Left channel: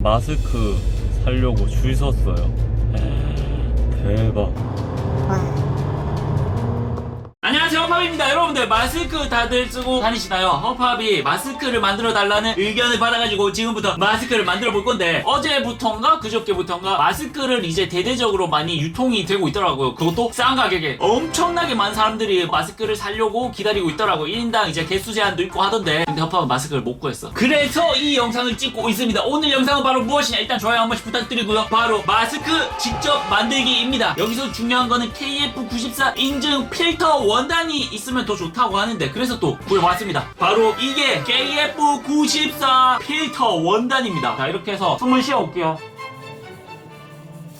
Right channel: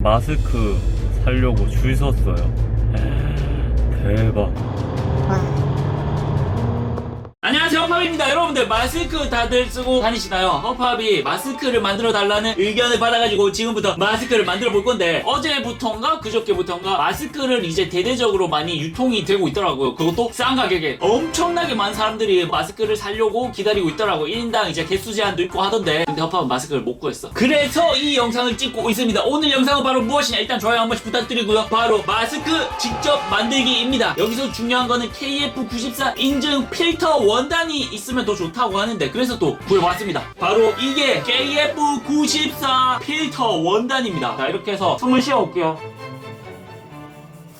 마스크 살려고 줄 섰어요. 대박. 안녕하세요. 허팝입니다. 여러분들 마스크 다들 쓰고 다니시나요? 허팝이 마스크를 만들어 달라는 의견을 받아가지고 지금부터 마스크를 만들어 볼 건데 어제부터인가 그저께부터인가 마스크를 이제 대대적으로 많이 유통이 되고 있더라고요. 그것도 싼 가격에. 엄청나게 많은 사람들이 마스크를 사려고 기다리고 있더라고요. 1인당 이제 개수 제한도 있고 하던데. 근데 허팝은 마스크를 못 구했어. 그래서 이 영상을 찍고 있습니다. 오늘 영상은 바로 무엇이냐? 일단 좋아요 한 번씩 부탁드리고요. 바로 마스크 직접 만들기입니다. 여기서 중요한 거는 KF94 인증 필터 원 단이 있으면 더 좋다고 하는데 그래서 또 보여왔습니다. 바로 이게 KF94 필터 원단입니다. 자 이렇게 해서 숨을 쉬어올게요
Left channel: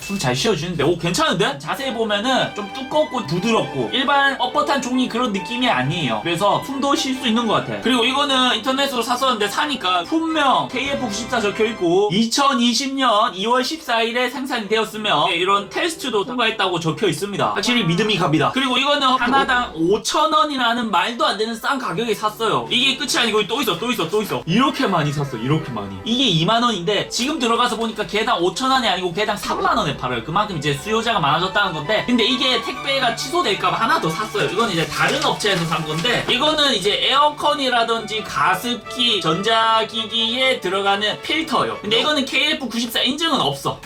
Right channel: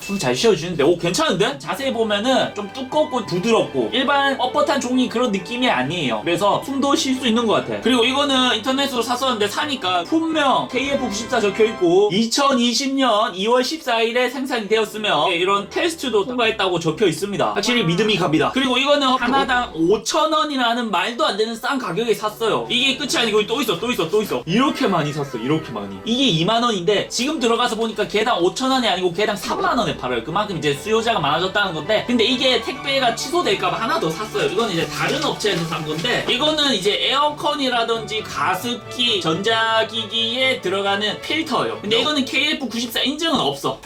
숨잘 쉬어주는데 오 괜찮은데? 자세히 보면은 좀 두껍고 부드럽고 일반 뻣뻣한 종이 그런 느낌이 아니에요. 그래서 숨도 쉴 수 있는 것 같아 그리고 이거는 인터넷으로 샀었는데 사니까 품명 KF94 적혀있고 2020년 2월 14일에 생산이 되었으며 이런 테스트도 통과했다고 적혀 있습니다. 확실히 믿음이 갑니다. 그리고 이거는 하나당 5,000원이라는 말도 안 되는 싼 가격에 샀어요. 이게 끝이 아니고 또 있어 또 있어 또 있어. 이렇게 많이 샀어 이렇게 많이. 이게 2만원인데 지금 들어가서 보니까 개당 5,000원이 아니고 개당 3만원에 팔아요 그만큼 이제 수요자가 많아졌다는 건데 근데 이게 택배가 취소될까 봐 하나 더 샀어요. 이건 이제 다른 업체에서 산 건데 이거는 이제 에어컨이라든지 가습기 전자기기에 들어가는 필터예요. 근데 이거는 KF94 인증은 없어.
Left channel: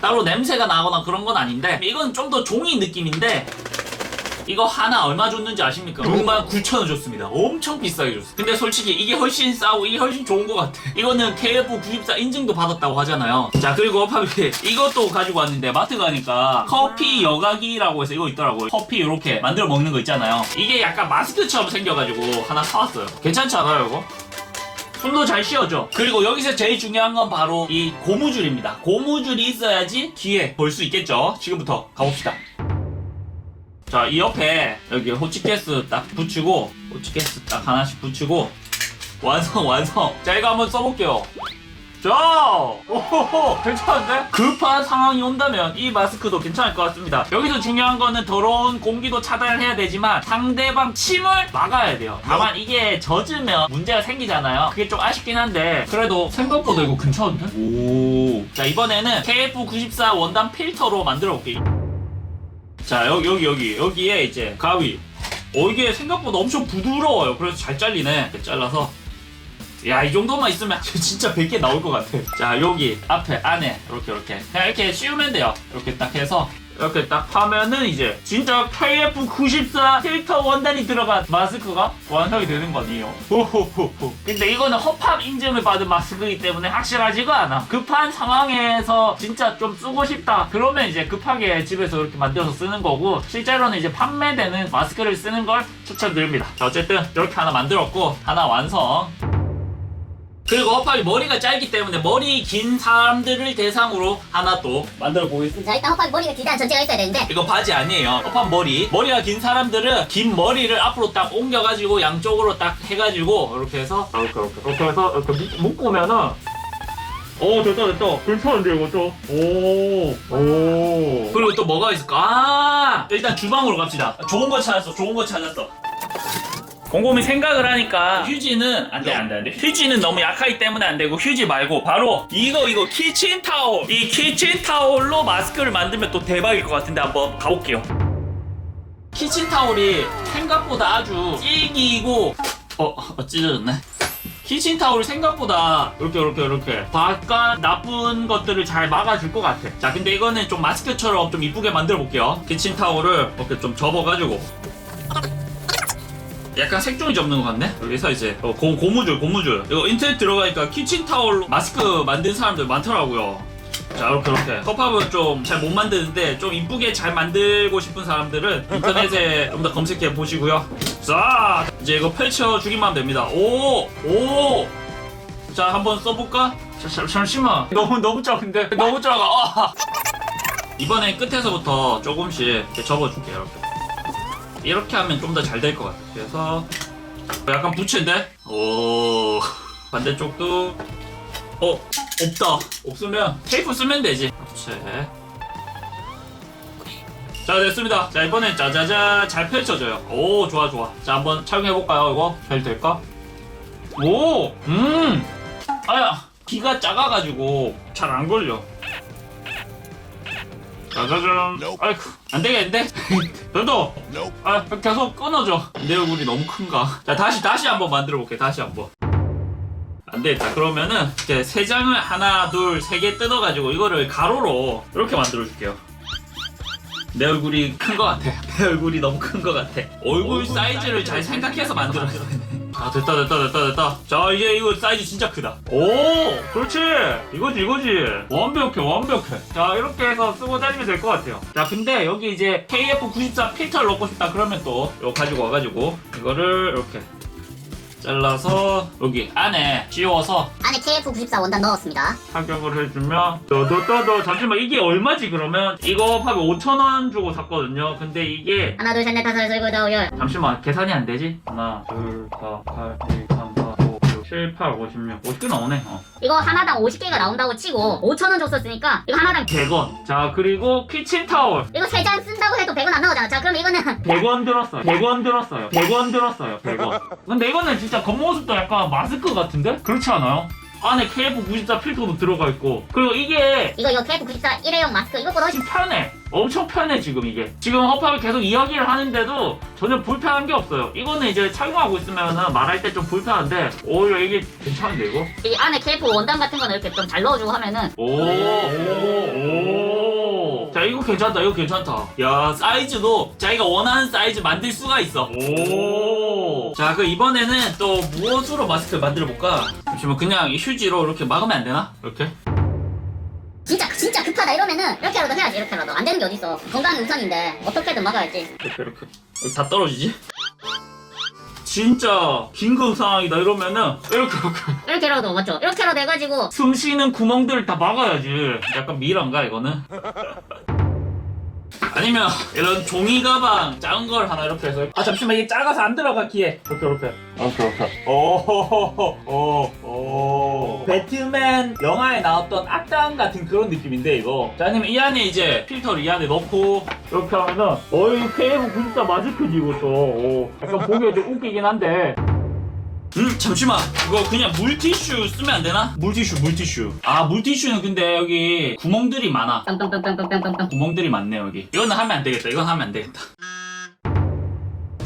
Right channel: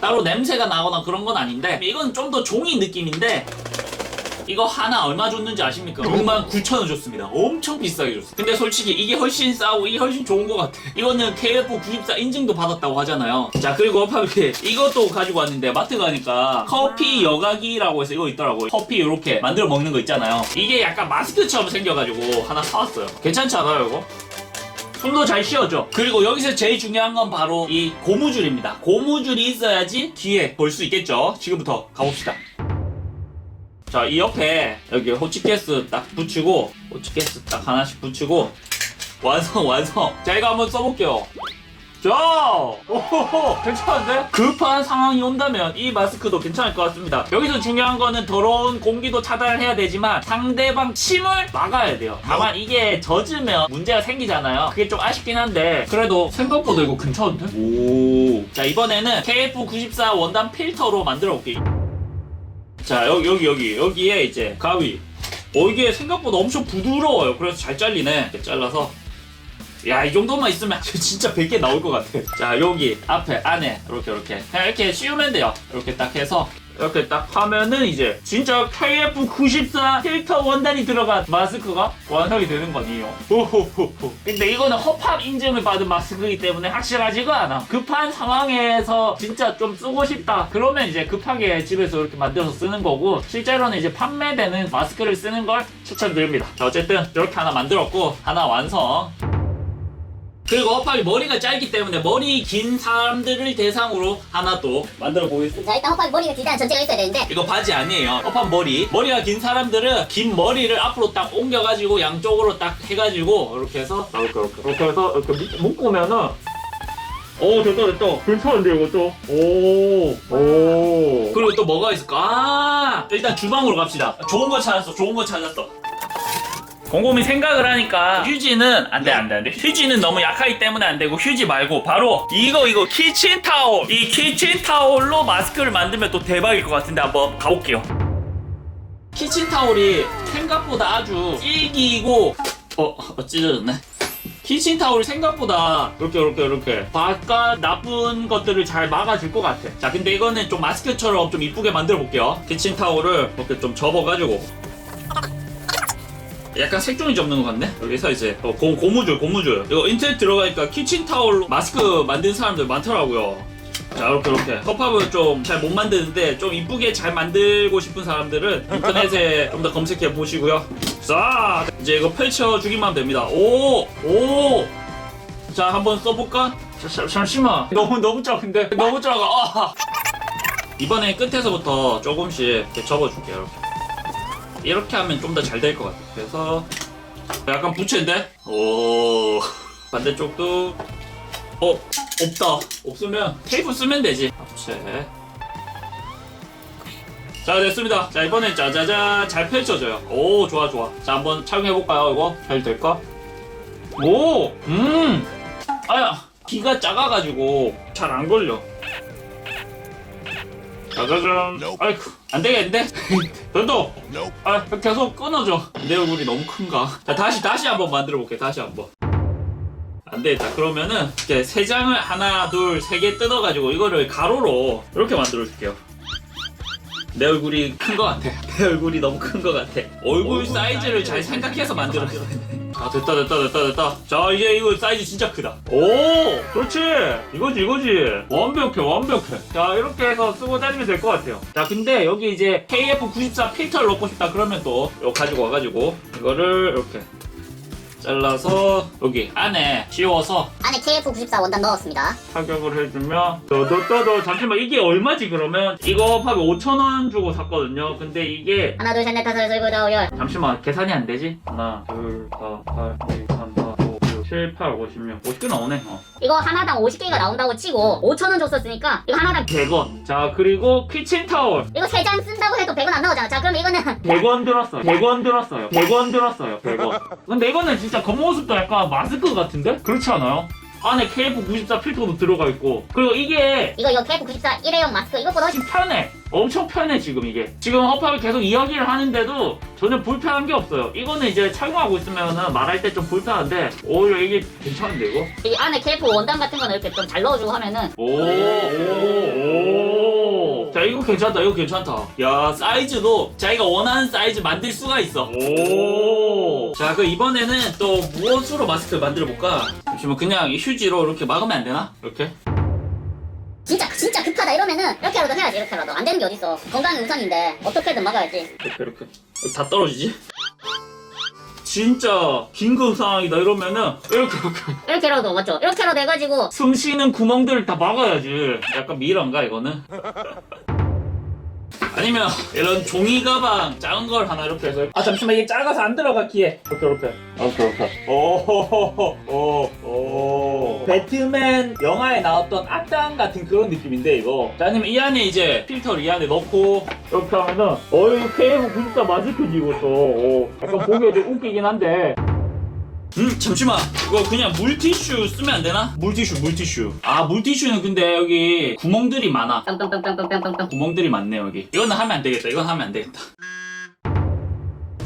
따로 냄새가 나거나 그런 건 아닌데 이건 좀 더 종이 느낌인데 이거 하나 얼마 줬는지 아십니까? 5만 9천 원 줬습니다. 엄청 비싸게 줬어요. 근데 솔직히 이게 훨씬 싸고 이게 훨씬 좋은 것 같아. 이거는 KF94 인증도 받았다고 하잖아요. 자 그리고 파비키 이것도 가지고 왔는데 마트 가니까 커피 여과기라고 해서 이거 있더라고요. 커피 이렇게 만들어 먹는 거 있잖아요. 이게 약간 마스크처럼 생겨가지고 하나 사왔어요. 괜찮지 않아요 이거? 손도 잘 씌워줘. 그리고 여기서 제일 중요한 건 바로 이 고무줄입니다. 고무줄이 있어야지 뒤에 볼 수 있겠죠. 지금부터 가봅시다. 자 이렇게 여기 호치케이스 딱 붙이고 호치케이스 딱 하나씩 붙이고 완성 완성. 자 이거 한번 써볼게요. 자 오호호 괜찮은데? 급한 상황이 온다면 이 마스크도 괜찮을 것 같습니다. 여기서 중요한 거는 더러운 공기도 차단해야 되지만 상대방 침을 막아야 돼요. 다만 이게 젖으면 문제가 생기잖아요. 그게 좀 아쉽긴 한데 그래도 생각보다 이거 괜찮은데? 오자 이번에는 KF94 원단 필터로 만들어 볼게요 자 여기 여기 여기. 여기에 이제 가위. 어 이게 생각보다 엄청 부드러워요. 그래서 잘 잘리네. 잘라서. 야 이 정도만 있으면 진짜 100개 나올 것 같아. 자 여기 앞에 안에 이렇게 이렇게. 그냥 이렇게 씌우면 돼요. 이렇게 딱 해서 이렇게 딱 하면은 이제 진짜 KF94 필터 원단이 들어간 마스크가 완성이 되는 거 아니에요. 호호호호. 근데 이거는 허팝 인증을 받은 마스크이기 때문에 확실하지가 않아. 급한 상황에서 진짜 좀 쓰고 싶다. 그러면 이제 급하게 집에서 이렇게 만들어서 쓰는 거고 실제로는 이제 판매되는 마스크를 쓰는 걸 추천드립니다. 자 어쨌든 이렇게 하나 만들었고 하나 완성 그리고 허팝이 머리가 짧기 때문에 머리 긴 사람들을 대상으로 하나 또 만들어 보겠습니다 자 일단 헛발 머리가 길다는 전제가 있어야 되는데 이거 바지 아니에요. 허팝 머리. 머리가 긴 사람들은 긴 머리를 앞으로 딱 옮겨가지고 양쪽으로 딱 해가지고 이렇게 해서 이렇게 이렇게, 이렇게 해서 이렇게 묶으면은 오 됐다 됐다 괜찮은데 이거 좀 오. 오. 그리고 또 뭐가 있을까? 아 일단 주방으로 갑시다. 좋은 거 찾았어. 좋은 거 찾았어. 곰곰이 생각을 하니까 휴지는 안 돼 안 돼 안 돼. 휴지는 너무 약하기 때문에 안 되고 휴지 말고 바로 이거 이거 키친 타올. 이 키친 타올로 마스크를 만들면 또 대박일 것 같은데 한번 가볼게요. 키친 타올이 생각보다 아주 질기고 어, 어 찢어졌네. 키친 타올이 생각보다 이렇게 이렇게 이렇게. 바깥 나쁜 것들을 잘 막아줄 것 같아. 자 근데 이거는 좀 마스크처럼 좀 이쁘게 만들어 볼게요. 키친 타올을 이렇게 좀 접어가지고 약간 색종이 접는 것 같네? 여기서 이제 어, 고, 고무줄 고무줄. 이거 인터넷 들어가니까 키친타올 마스크 만드는 사람들 많더라고요. 자 이렇게 이렇게 컵밥을 좀 잘 못 만드는데 좀 이쁘게 잘 만들고 싶은 사람들은 인터넷에 좀더 검색해 보시고요. 자 이제 이거 펼쳐주기만 하면 됩니다. 오오. 자 한번 써볼까? 자, 잠- 잠시만. 너무 너무 작은데? 너무 작아. 아. 이번엔 끝에서부터 조금씩 접어줄게요 이렇게 하면 좀 더 잘 될 것 같아. 그래서 약간 부채인데? 오 반대쪽도 어 없다. 없으면 테이프 쓰면 되지. 부채. 자 됐습니다. 자 이번에 짜자잔 잘 펼쳐져요. 오 좋아 좋아. 자 한번 착용해 볼까요 이거? 잘 될까? 오 음. 아야 귀가 작아가지고 잘 안 걸려. 짜자잔. 아이고, 안 되겠는데? 나도. 아, 계속 끊어줘. 내 얼굴이 너무 큰가? 자, 다시, 다시 한번 만들어 볼게. 다시 한 번. 안 돼. 자, 그러면은 이제 세 장을 하나, 둘, 세 개 뜯어가지고 이거를 가로로 이렇게 만들어 줄게요. 내 얼굴이 큰 것 같아. 내 얼굴이 너무 큰 것 같아. 얼굴 사이즈를 잘 생각해서 만들어줘. 아, 됐다, 됐다, 됐다, 됐다. 자, 이제 이거 사이즈 진짜 크다. 오, 그렇지. 이거지, 이거지. 완벽해, 완벽해. 자, 이렇게 해서 쓰고 다니면 될 것 같아요. 자, 근데 여기 이제 KF94 필터를 넣고 싶다 그러면 또 이거 가지고 와가지고 이거를 이렇게 잘라서 여기 안에 씌워서 안에 KF94 원단 넣었습니다. 착용을 해주면 너, 잠시만 이게 얼마지 그러면? 이거 합하면 5천 원 주고 샀거든요 근데 이게 하나, 둘, 셋, 넷, 다섯, 여섯, 일곱, 여덟, 열. 잠시만 계산이 안 되지? 하나 둘셋넷 다섯 여섯 일곱, 여덟, 7, 8, 56 50개 나오네 어. 이거 하나당 50개가 나온다고 치고 5천원 줬었으니까 이거 하나당 100원 자 그리고 키친타올 이거 세장 쓴다고 해도 100원 안 나오잖아. 자, 그럼 이거는 100원 들었어요 100원 들었어요 100원 들었어요 100원 근데 이거는 진짜 겉모습도 약간 마스크 같은데? 그렇지 않아요? 안에 KF94 필터도 들어가 있고 그리고 이게 이거 이거 KF94 일회용 마스크 이것보다 훨씬 편해. 엄청 편해 지금 이게. 지금 허팝이 계속 이야기를 하는데도 전혀 불편한 게 없어요. 이거는 이제 착용하고 있으면 말할 때 좀 불편한데 오 이게 괜찮은데 이거? 이 안에 KF 원단 같은 거는 이렇게 좀 잘 넣어주고 하면은 오. 오. 자 이거 괜찮다 이거 괜찮다. 야 사이즈도 자기가 원하는 사이즈 만들 수가 있어. 오. 자 그럼 이번에는 또 무엇으로 마스크 만들어 볼까? 잠시만 그냥 이 휴지로 이렇게 막으면 안 되나? 이렇게? 진짜 진짜 급하다 이러면은 이렇게라도 해야지 이렇게라도 안 되는 게 어딨어. 건강 우선인데 어떻게든 막아야지. 이렇게 이렇게 다 떨어지지? 진짜 긴급 상황이다 이러면은 이렇게 이렇게 이렇게라도 맞죠? 이렇게라도 해가지고 숨 쉬는 구멍들을 다 막아야지 약간 미란가 이거는? 아니면 이런 종이 가방 작은 걸 하나 이렇게 해서 아 잠시만 이게 작아서 안 들어가 키에 이렇게 이렇게 오케이 오오오 배트맨 영화에 나왔던 악당 같은 그런 느낌인데 이거. 자 아니면 이 안에 이제 필터를 이 안에 넣고 이렇게 하면은 어이 케이블 진짜 마스크지 이것도. 어, 약간 보기 좀 웃기긴 한데. 음 잠시만. 이거 그냥 물티슈 쓰면 안 되나? 물티슈 물티슈. 아 물티슈는 근데 여기 구멍들이 많아. 뿅뿅뿅뿅뿅뿅뿅 구멍들이 많네 여기. 이거는 하면 안 되겠다. 이건 하면 안 되겠다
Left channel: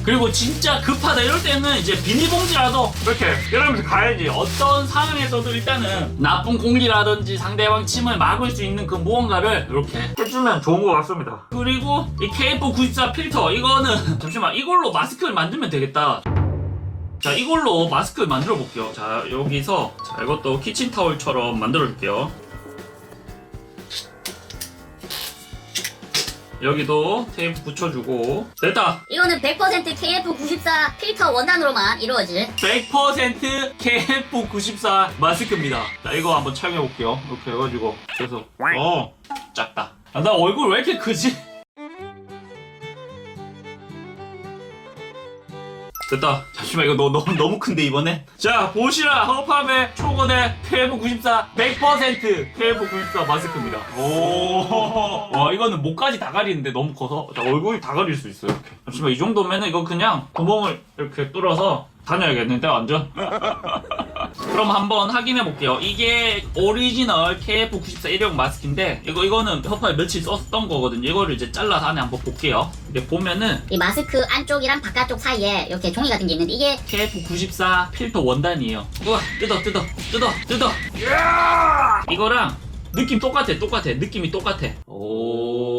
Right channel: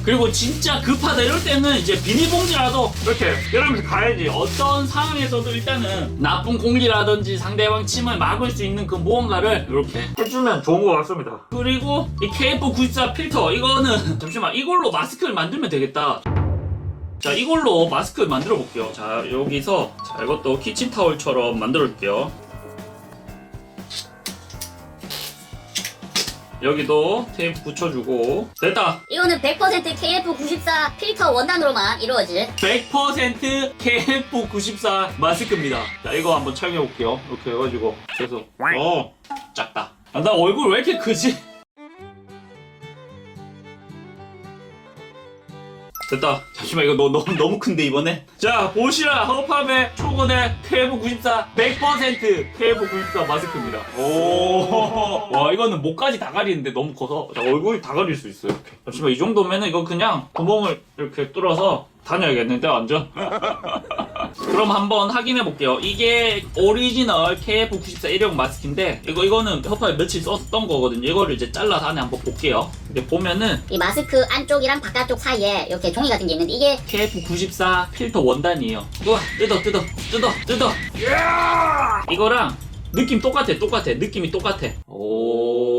그리고 진짜 급하다 이럴 때는 이제 비닐봉지라도 이렇게 이러면서 가야지. 어떤 상황에서도 일단은 나쁜 공기라든지 상대방 침을 막을 수 있는 그 무언가를 이렇게 해주면 좋은 것 같습니다. 그리고 이 KF94 필터 이거는 잠시만 이걸로 마스크를 만들면 되겠다. 자 이걸로 마스크를 만들어 볼게요. 자 여기서 자 이것도 키친타올처럼 만들어 볼게요 여기도 테이프 붙여주고. 됐다 이거는 100% KF94 필터 원단으로만 이루어질 100% KF94 마스크입니다. 자 이거 한번 착용해 볼게요. 이렇게 해가지고. 그래서 어 작다. 아, 나 얼굴 왜 이렇게 크지? 됐다. 잠시만 이거 너, 너, 너무 큰데 이번에. 자 보시라 허팝의 초고대 KF94 100% KF94 마스크입니다. 오, 와 이거는 목까지 다 가리는데 너무 커서 자, 얼굴이 다 가릴 수 있어요. 잠시만 이 정도면은 이거 그냥 구멍을 이렇게 뚫어서 다녀야겠는데 완전. 그럼 한번 확인해 볼게요. 이게 오리지널 KF94 일회용 마스크인데 이거 이거는 허팝에 며칠 썼던 거거든요. 이거를 이제 잘라서 안에 한번 볼게요. 이게 보면은 이 마스크 안쪽이랑 바깥쪽 사이에 이렇게 종이 같은 게 있는데 이게 KF94 필터 원단이에요. 우와, 뜯어, 뜯어, 뜯어, 뜯어. 이거랑 느낌 똑같아, 똑같아. 느낌이 똑같아. 오.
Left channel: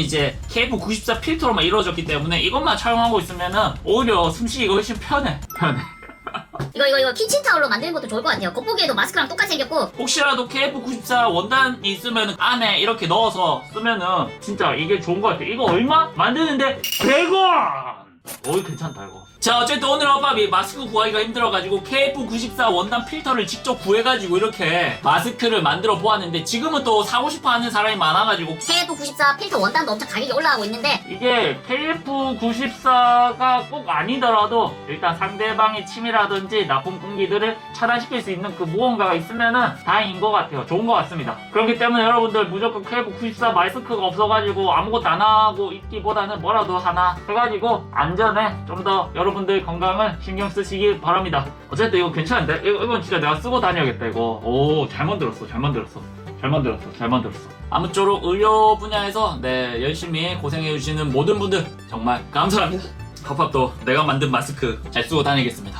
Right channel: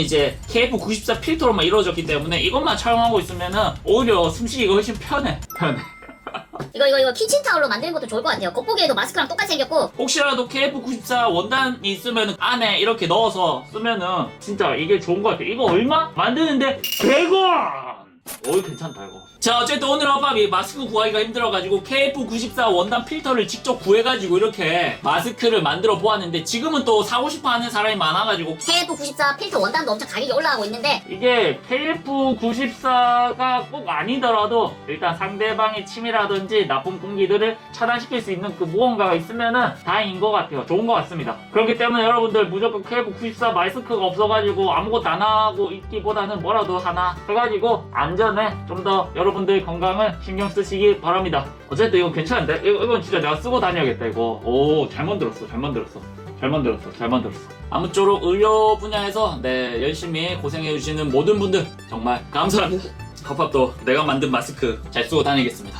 이제 KF94 필터로만 이루어졌기 때문에 이것만 착용하고 있으면은 오히려 숨쉬기가 훨씬 편해. 편해. 이거 이거 이거 키친 타올로 만드는 것도 좋을 것 같아요. 겉보기에도 마스크랑 똑같이 생겼고 혹시라도 KF94 원단이 있으면 안에 이렇게 넣어서 쓰면은 진짜 이게 좋은 것 같아. 이거 얼마? 만드는데 100원! 오, 괜찮다, 이거. 자, 어쨌든 오늘 한밤 이 마스크 구하기가 힘들어가지고 KF94 원단 필터를 직접 구해가지고 이렇게 마스크를 만들어 보았는데 지금은 또 사고 싶어 하는 사람이 많아가지고 KF94 필터 원단도 엄청 가격이 올라가고 있는데 이게 KF94가 꼭 아니더라도 일단 상대방의 침이라든지 나쁜 공기들을 차단시킬 수 있는 그 무언가가 있으면은 다행인 것 같아요. 좋은 것 같습니다. 그렇기 때문에 여러분들 무조건 KF94 마스크가 없어가지고 아무것도 안 하고 있기보다는 뭐라도 하나 해가지고 안전에 좀 더 여러분 여러분들 건강을 신경 쓰시길 바랍니다. 어쨌든 이거 괜찮은데? 이거, 이건 진짜 내가 쓰고 다녀야겠다 이거. 오, 잘 만들었어, 잘 만들었어. 잘 만들었어, 잘 만들었어. 아무쪼록 의료 분야에서 네 열심히 고생해주시는 모든 분들 정말 감사합니다. 컵밥도 내가 만든 마스크 잘 쓰고 다니겠습니다.